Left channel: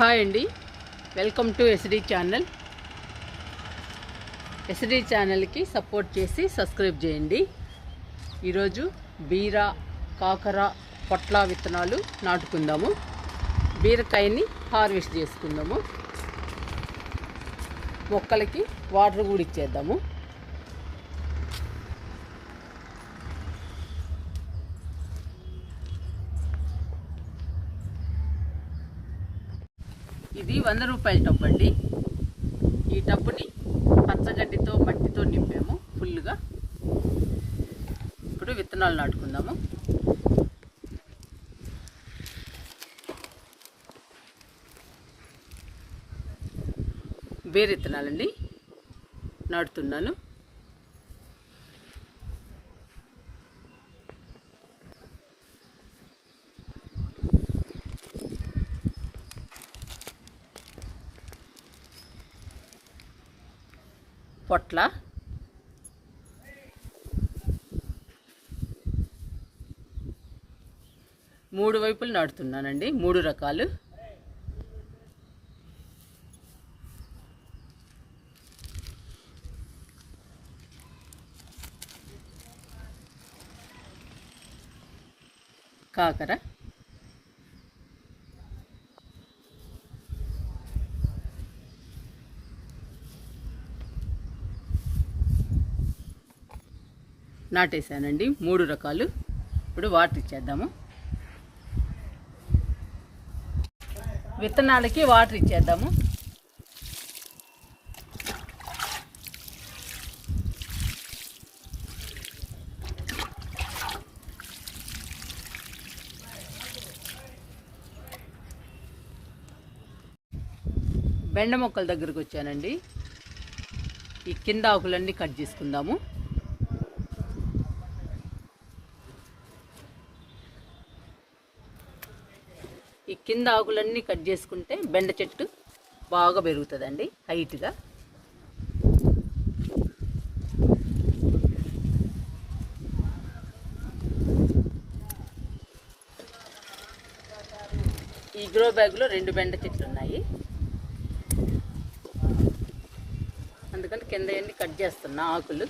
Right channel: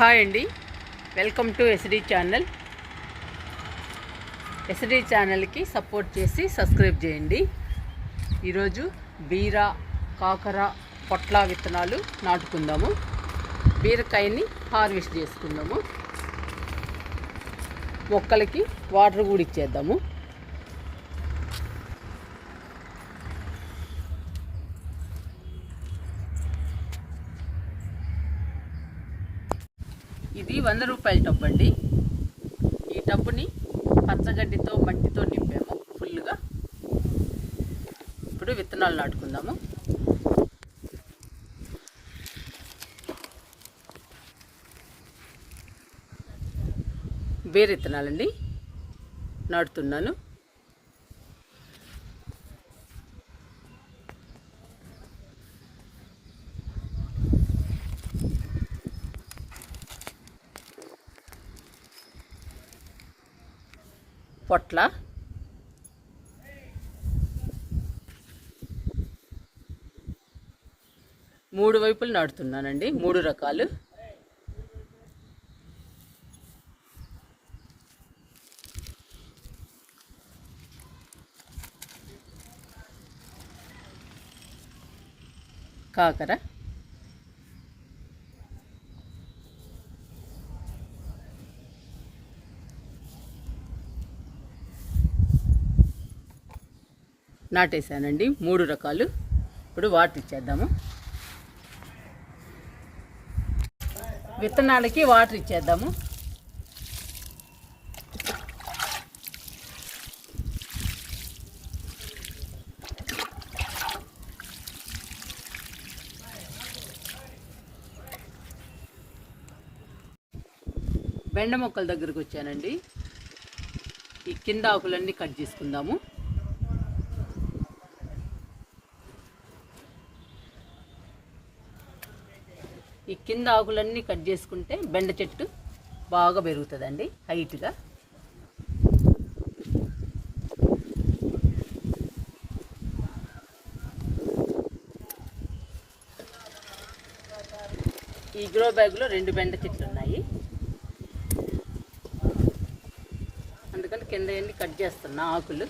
Hi అండి. Welcome to SD channel SD ఛానల్కి support చేసి సబ్స్క్రైబ్ చేయండి. ఈరోజు బీర కాకర పొట్ల విత్తనాలు నాటుకుందాము. బీరకాయని హార్వెస్ట్ చేసుకుందాము. మొక్కలకి వాటర్ కూడా ఇచ్చేద్దాము. ఇది వంద రూపాయల టబ్ అండి. ఈ టబ్బుని పచ్చగడ్డితో మట్టితో నింపాము ఫుల్గా ఇప్పుడు విత్తనాలు నాటుకుందాము. బేర్ విత్తనాలండి. నాటుతున్నాను. పొట్ల. మూడు వైపులు నాటుతున్నానండి మూడు రకాలు. కాకర. నాటేశానండి. మూడు రకాలు. ఇప్పుడు వాటర్ ఇచ్చేద్దాము. విత్తనాలకి వాటర్ ఇచ్చేద్దాము. బెండ మొక్కల దగ్గరకు వచ్చానండి. ఈ కింద ఆకులన్నీ కట్ చేసుకుందాము. కింద ఆకులన్నీ కట్ చేసుకుంటే బెండ చెట్టు బాగా పెరుగుతుందండి హైట్గా ఈ గ్రో బ్యాగ్లో రెండు బెండ చెట్లు ఉన్నాయి. అందుకని కింద అన్ని కట్ చేస్తున్నా ఆకులు.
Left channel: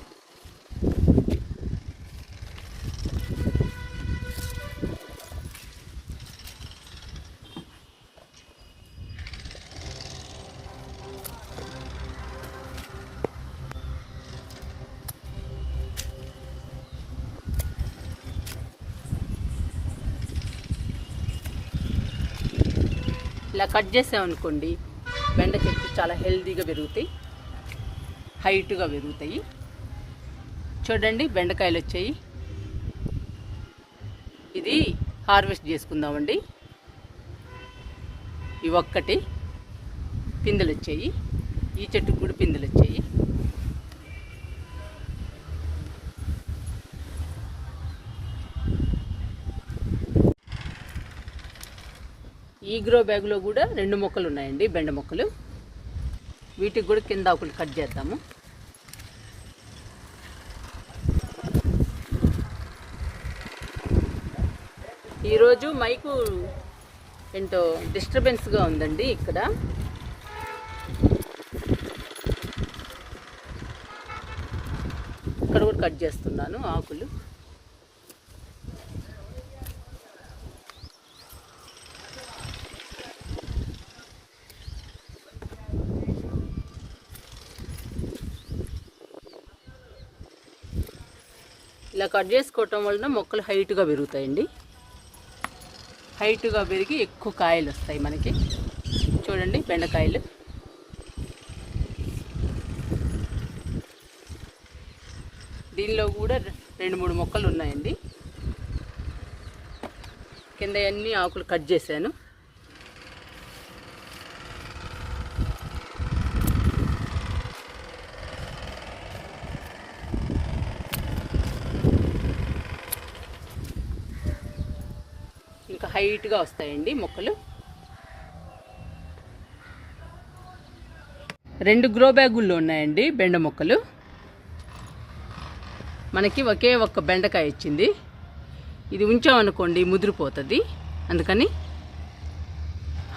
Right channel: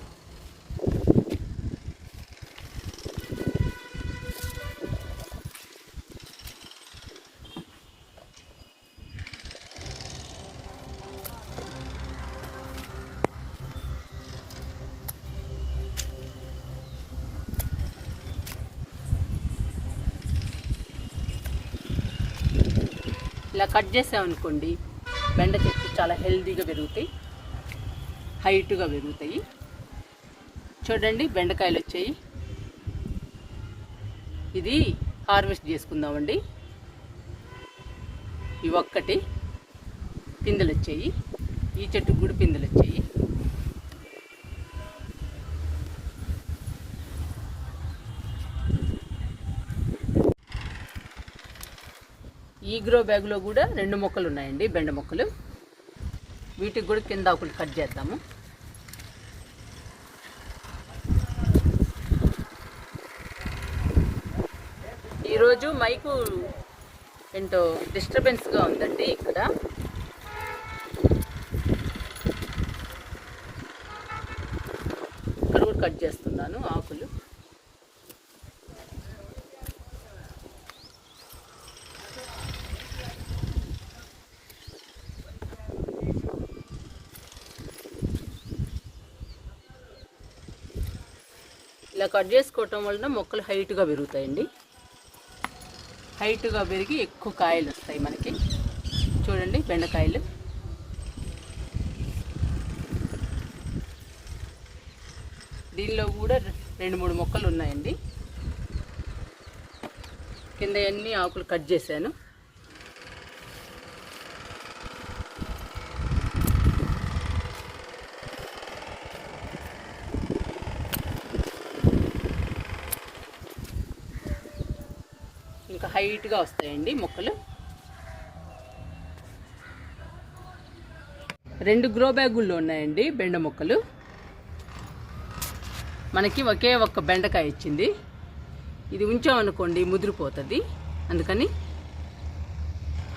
ఇలా కట్ చేసామనుకోండి బెండ చెట్లు చాలా హెల్దీగా పెరుగుతాయి హైట్గా పెరుగుతాయి. చూడండి బెండకాయలు వచ్చాయి. ఇది హార్వెస్ట్ చేసుకుందామండి. ఇవి ఒక్కటి పిందెలు వచ్చాయి. ఈ చెట్టుకు కూడా పిందెలు వచ్చాయి. ఈ గ్రో బ్యాగ్లో కూడా రెండు మొక్కలు ఉన్నాయండి బెండ మొక్కలు. వీటికి కూడా కింద ఆకులు కట్ చేద్దాము. ఈరోజు మైకు ఎంతో డిస్టర్బెన్స్గా ఉందండి ఇక్కడ. ఇక్కడ కూడా కట్ చేస్తున్నాను ఆకులు. ఇలా కట్ చేసుకోవటం వలన మొక్కలు హైట్గా పెరుగుతాయండి. హైట్గా పెరిగి ఎక్కువ కాయలు వస్తాయి మనకి. చూడండి బెండకాయలు. దీనిలో కూడా రెండు మూడు మొక్కలు ఉన్నాయండి. కింద అన్ని ఆకులు కట్ చేశాను. హైట్గా వస్తాయండి మొక్కలు. రెండు గ్రో బ్యాగుల్లో ఉన్నాయండి బెండ మొక్కలు. మనకి ఒకే ఒక్క బెండకాయ ఇచ్చింది. ఇది ఉంచామనుకోండి ముదిరిపోతుంది. అందుకని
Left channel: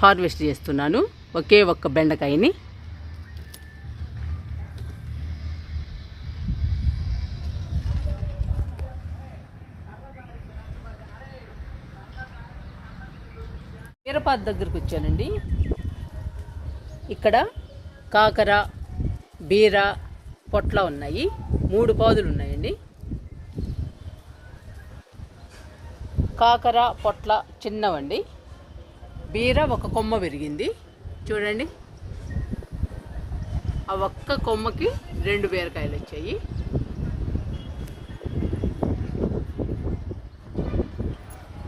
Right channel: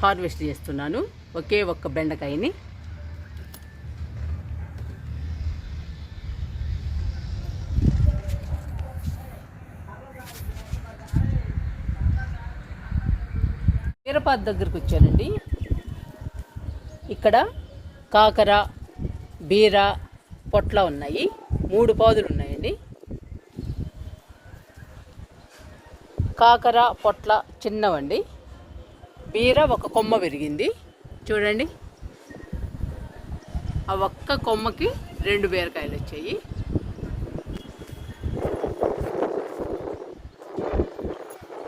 హార్వెస్ట్ చేస్తున్నాను ఒకే ఒక్క బెండకాయని. హైదరాబాద్ దగ్గరకు వచ్చానండి. ఇక్కడ కాకర బీర పొట్ల ఉన్నాయి. మూడు పాదులు ఉన్నాయండి. కాకర పొట్ల చిన్నవండి. బీర ఒక కొమ్మ పెరిగింది చూడండి. ఆ ఒక్క కొమ్మకి రెండు బీరకాయలు వచ్చాయి.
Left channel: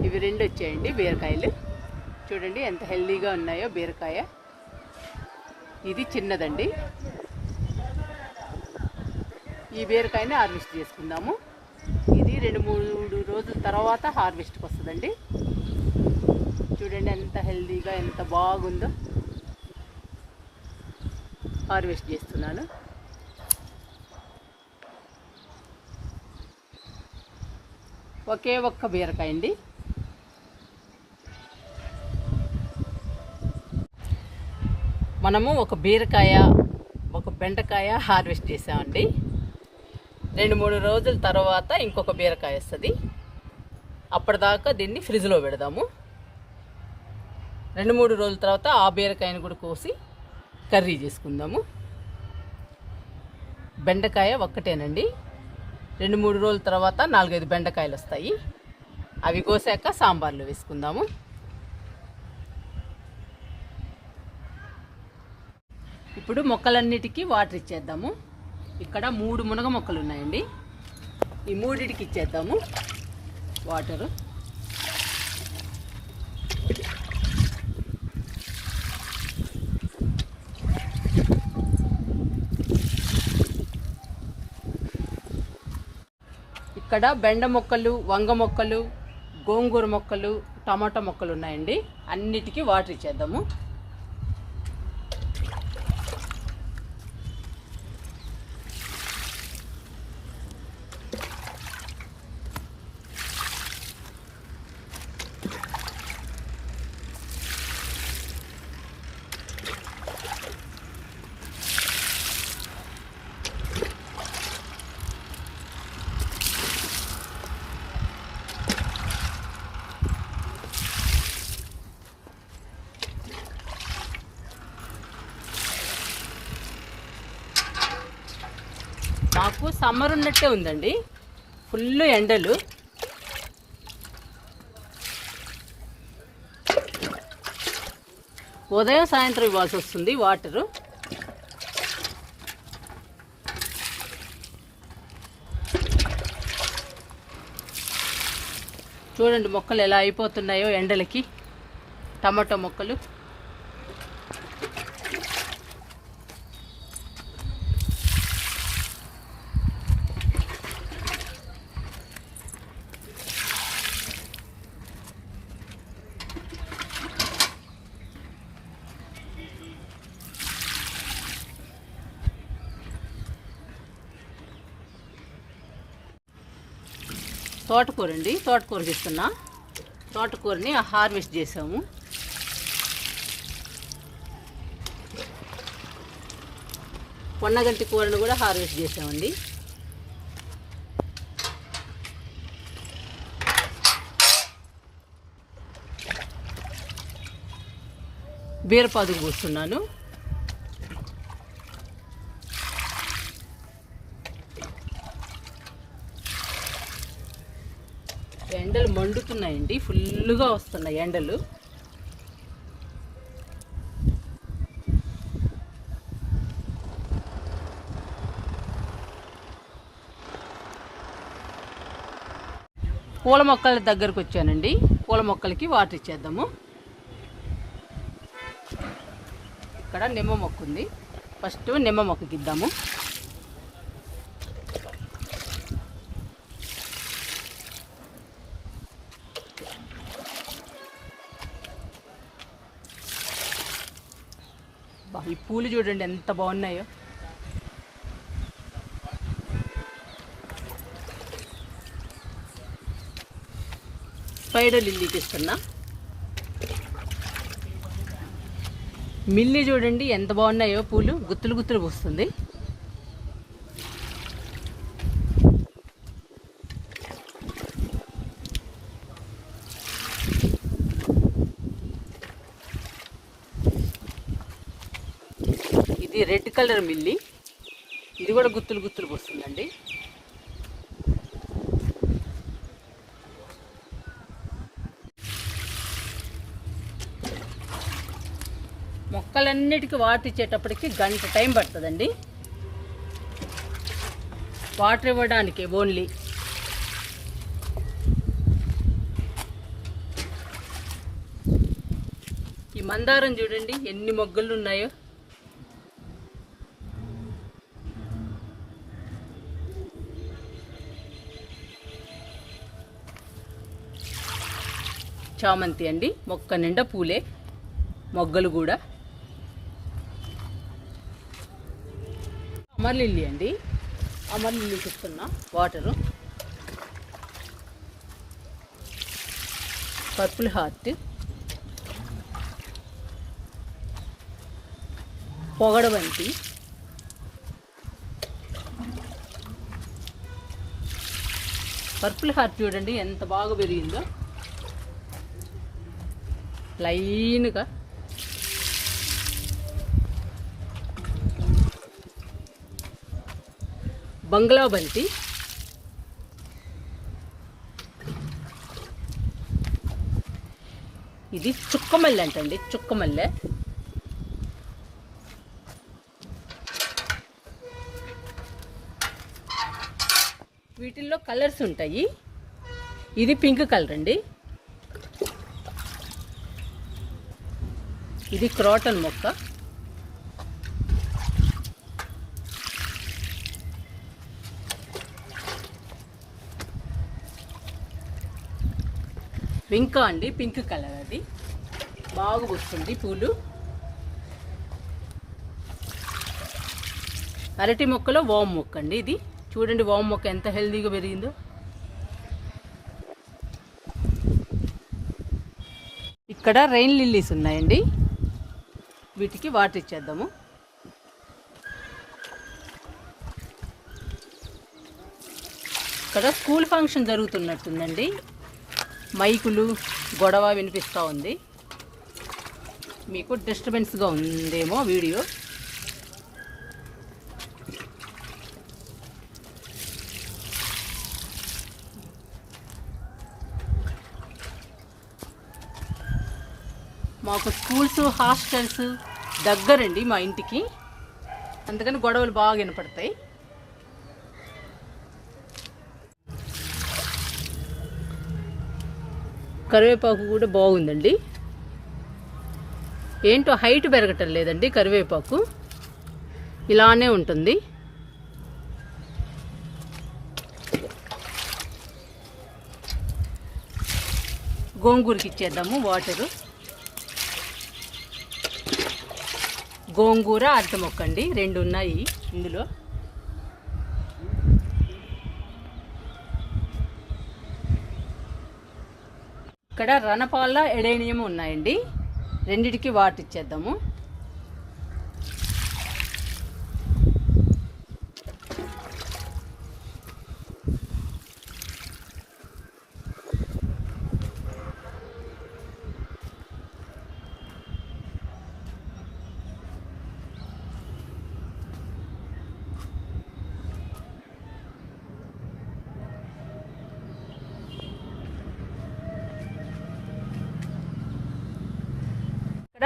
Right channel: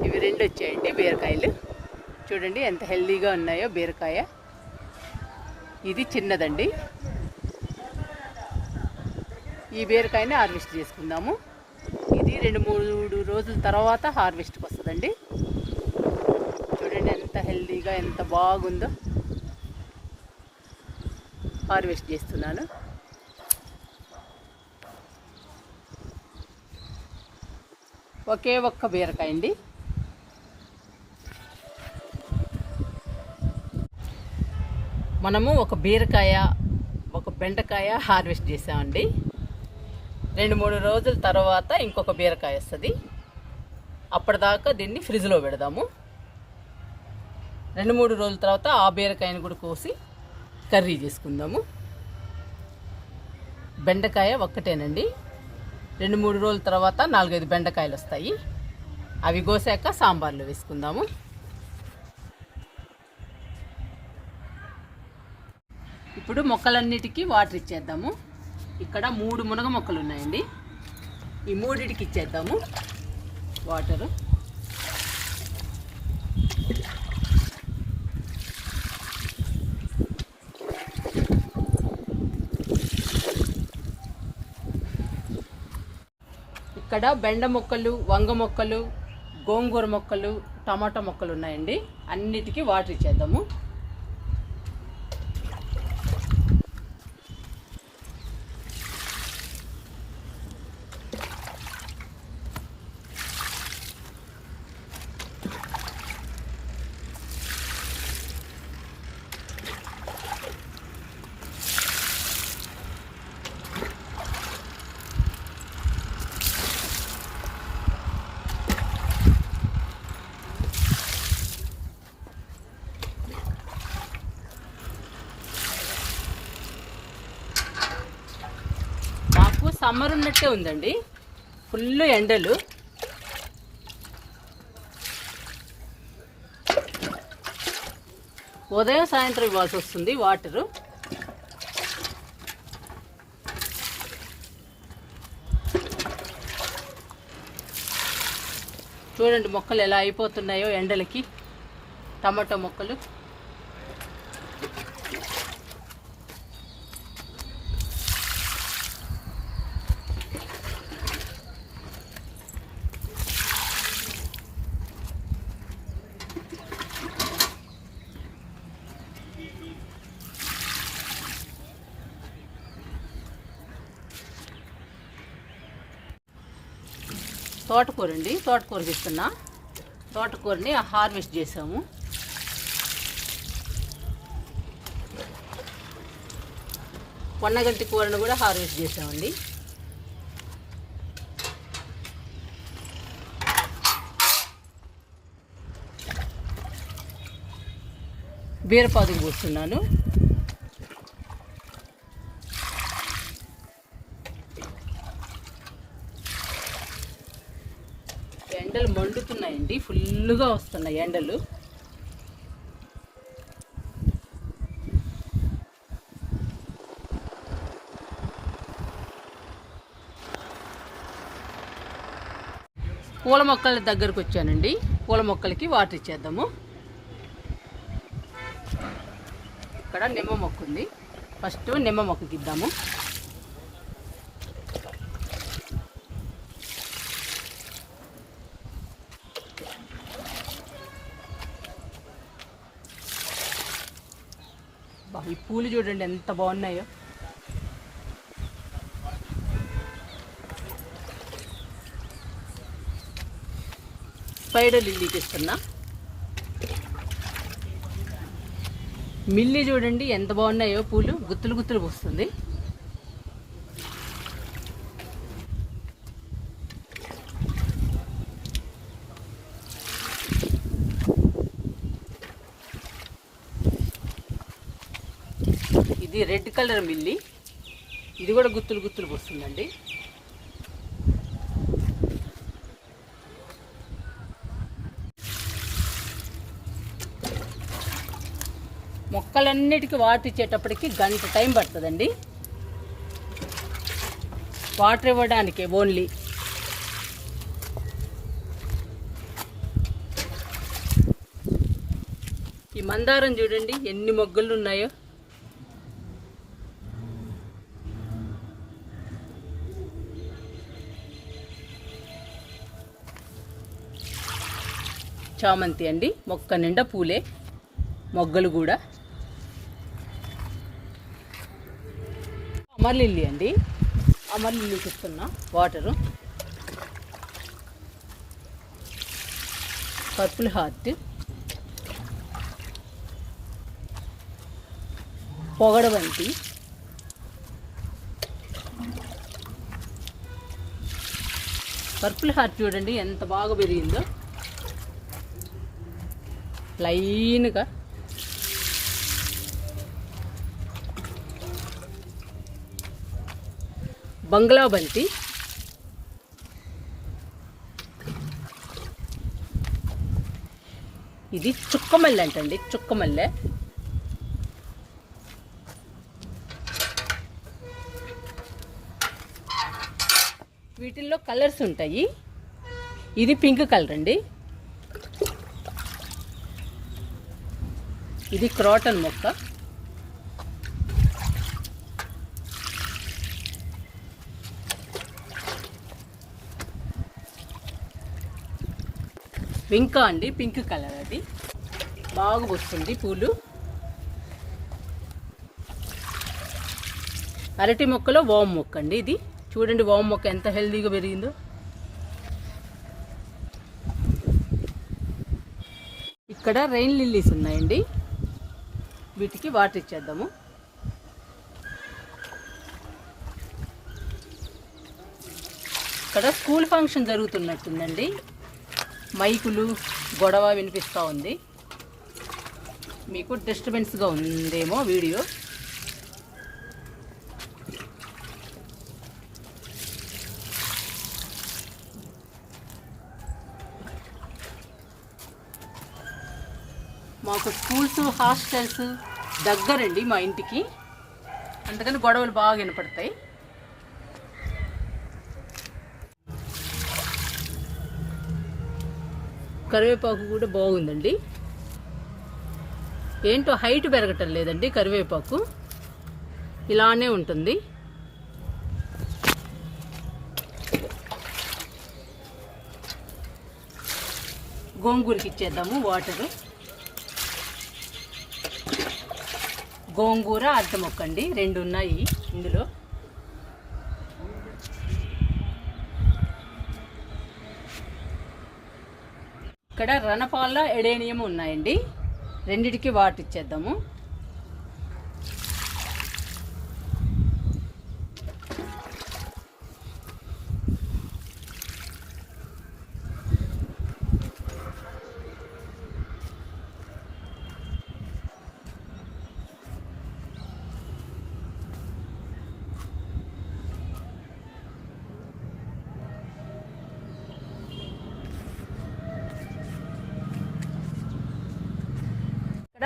ఇవి రెండు వచ్చాయండి బీరకాయలు. చూడండి ఎంత హెల్దీగా ఉన్నాయో బీరకాయ. ఇది చిన్నదండి. ఈ బీరకాయని హార్వెస్ట్ చేసుకుందాము. ఇది రెండు మూడు రోజుల తర్వాత హార్వెస్ట్కి వస్తుందండి. చూడండి ఎంత హెల్దీగా ఎంత బాగుందో. హార్వెస్ట్ చేస్తున్నాను. ఒకే ఒక్క బీరకాయ అండి మనము ఒక బీరకాయ ఒక బెండకాయ హార్వెస్ట్ చేసామండి రెండు మూడు రోజుల తర్వాత ఇంకొక బీరకాయ వస్తుంది. అప్పటిదాకా దీన్ని ఫ్రిడ్జ్లో పెడదాము. రెండు మూడు రోజుల తర్వాత ఆ బీరకాయని కూడా కోసి కర్రీ చేసుకుందాము. బెండకాయ ఒక్కటేనండి. రెండు మూడు రోజుల తర్వాత నాలుగైదు బెండకాయలు వస్తాయి. అవి కోసాక సాంబార్లో వేసుకుందాము. ఇప్పుడు మొక్కలన్నిటికీ వాటర్ ఇచ్చేద్దాము. ఇక్కడ మూడు మునగ మొక్కలు ఉన్నాయండి. ఈ మూడిటికి ఇచ్చేద్దాము. వాటరు ఇక్కడ బెండ మొక్కలు వంగ మొక్కలు గోంగూర మొక్కలు టమాటా మొక్కలు ఉన్నాయండి. అన్నిటికీ వాటర్ ఇచ్చేద్దాము మాకు సమ్మర్ ఉన్నట్టే ఉందండి. ఫుల్ ఎండలు. ఉదయం సాయంత్రం ఇవ్వాల్సి వస్తుంది వాటరు. చూడండి మొక్కలు ఎలా అయిపోతున్నాయో ఎండలకి. టమాటో మొక్కలు. తోటకూర అండి తోటకూర తీస్తున్నా తోటకూరని హార్వెస్ట్ చేసాము. పొన్నగంటి కూరను కూడా హార్వెస్ట్ చేసామండి. బీరపాదుకు పోస్తున్నాను. ఎండలు మండుతున్నాయండి. ఫుల్గా వస్తున్నాయి ఎండలు. పూల మొక్కల దగ్గరకు వచ్చానండి. పూల మొక్కలకి వాటర్ ఇచ్చేద్దాము. ఇక్కడ నిమ్మ మొక్క ఉంది ఫస్ట్ నిమ్మ మొక్కకి ఇద్దాము. ఈ పూలు చూడండి ఎంత బాగున్నాయో. స్పైడర్ లిల్లీ తీసుకున్నా. మిల్లి చూడండి ఎంత బాగున్నాయో పూలు గుత్తులు గుత్తులు వస్తుంది. ఇది రెడ్ కలర్ మిల్లి. ఇది కూడా గుత్తులు గుత్తులు వస్తుందండి మొక్కలన్నిటికీ వాటర్ ఇచ్చేటప్పటికి గంట టైం పడుతుందండి. వాటర్ ఇవ్వడానికి ఓన్లీ. ఈ మందారం చూడండి ఎన్ని మొగ్గలు ఉన్నాయో చామంతి అండి. మొక్క నిండా పూలే. మొగ్గలు కూడా. అమర్లిల్లి అండి. అమర్లిల్లి ఇస్తున్నా water. Purple heart. పొగడబంతి. Purple heart చూడండి ఎంత బాగా పెరిగిందో. లైన్గా. బంగ్లా బంతి. ఇది చుక్కమల్లె అంటండి చుక్కమల్లె. వీటిల్లో కలర్స్ ఉంటాయి. ఇది పింక్ కలర్ అండి. ఇది క్రాటన్ మొక్క. వింకా అండి పింక్ కలర్ అది. బాగా వస్తుంది పూలు. అరటి మొక్కలో వామ్ మొక్క అండి ఇది. చూడండి వామ్ మొక్క ఎంత హెల్దీగా పెరిగిందో. ఇక్కడ రెయిన్ లిల్లీస్ ఉన్నాయండి. వీటికి వాటర్ ఇచ్చేద్దాము. ఇక్కడ స్కూల్ ఫంక్షన్ జరుగుతున్నట్టుందండి. మైకులు గొడవ వినిపిస్తూ ఉంది. మీకు డిస్టర్బెన్స్గా ఉందేమో వీడియో మాకు స్కూల్స్ హాస్టల్స్ దగ్గరండి మా ఇంటికి. అందుకని గొడవలు బాగా వినపడతాయి. కరివేపాకు కూడా బాగుందండి. ఏంటో హైట్ పెరగటం లేదండి కరివేపాకు. ఇలానే ఉంటుంది. గోంగూరకి ఇచ్చేద్దాము వాటరు. గోంగూర అద్దం మొక్కండి రెండు ఉన్నాయి ఇందులో. ఇక్కడ రణపాల ఎడేనియం ఉన్నాయండి. రెండిటికి వాటిచ్చేద్దాము.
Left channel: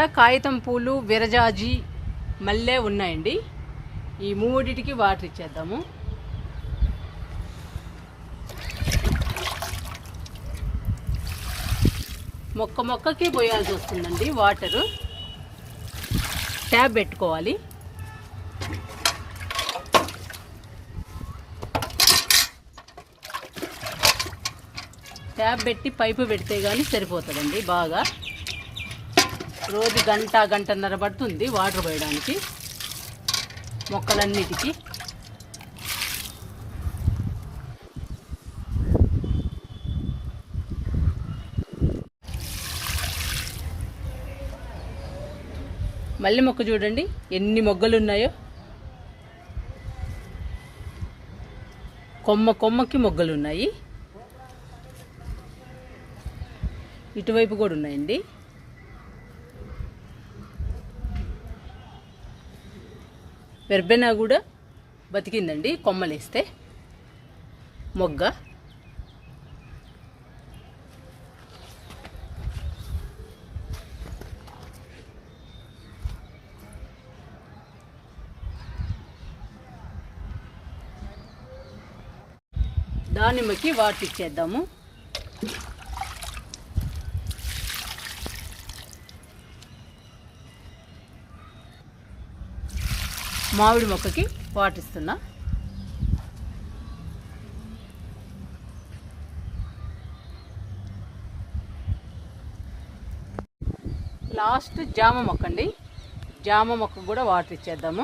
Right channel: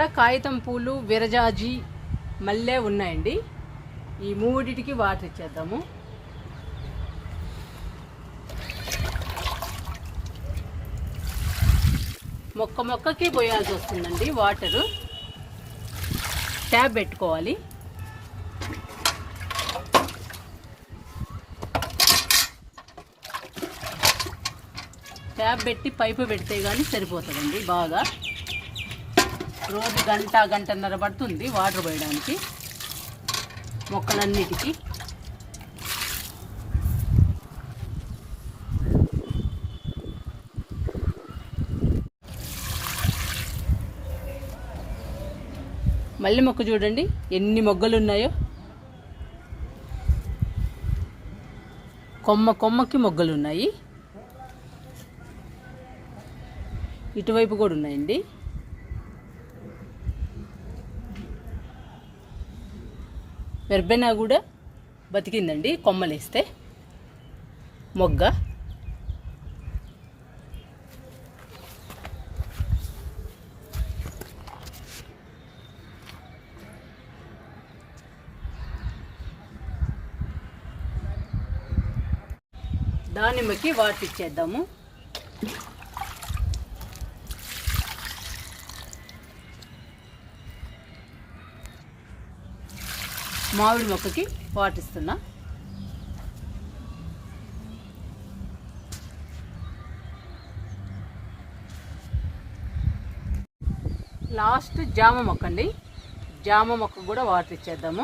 కాగితం పూలు విరజాజి మల్లె ఉన్నాయండి. ఈ మూడిటికి వాటర్ ఇచ్చేద్దాము. మొక్క మొక్కకి పోయాల్సి వస్తుందండి వాటరు. ట్యాబ్ పెట్టుకోవాలి. ట్యాబ్ పెట్టి పైపు పెడితే కానీ సరిపోతుందండి బాగా. రోజు గంట గంటన్నర పడుతుంది వాటర్ పోయడానికి. మొక్కలన్నిటికీ. మల్లె మొక్క చూడండి ఎన్ని మొగ్గలు ఉన్నాయో కొమ్మ కొమ్మకి మొగ్గలు ఉన్నాయి ఇటువైపు కూడా ఉన్నాయండి. వెర్బెనా కూడా బతికిందండి. కొమ్మలేస్తే మొగ్గ. దానిమ్మకి వాటర్ ఇచ్చేద్దాము మామిడి మొక్కకి వాటర్ లాస్ట్ జామ మొక్క అండి జామ మొక్క కూడా వాటర్ ఇచ్చేద్దాము.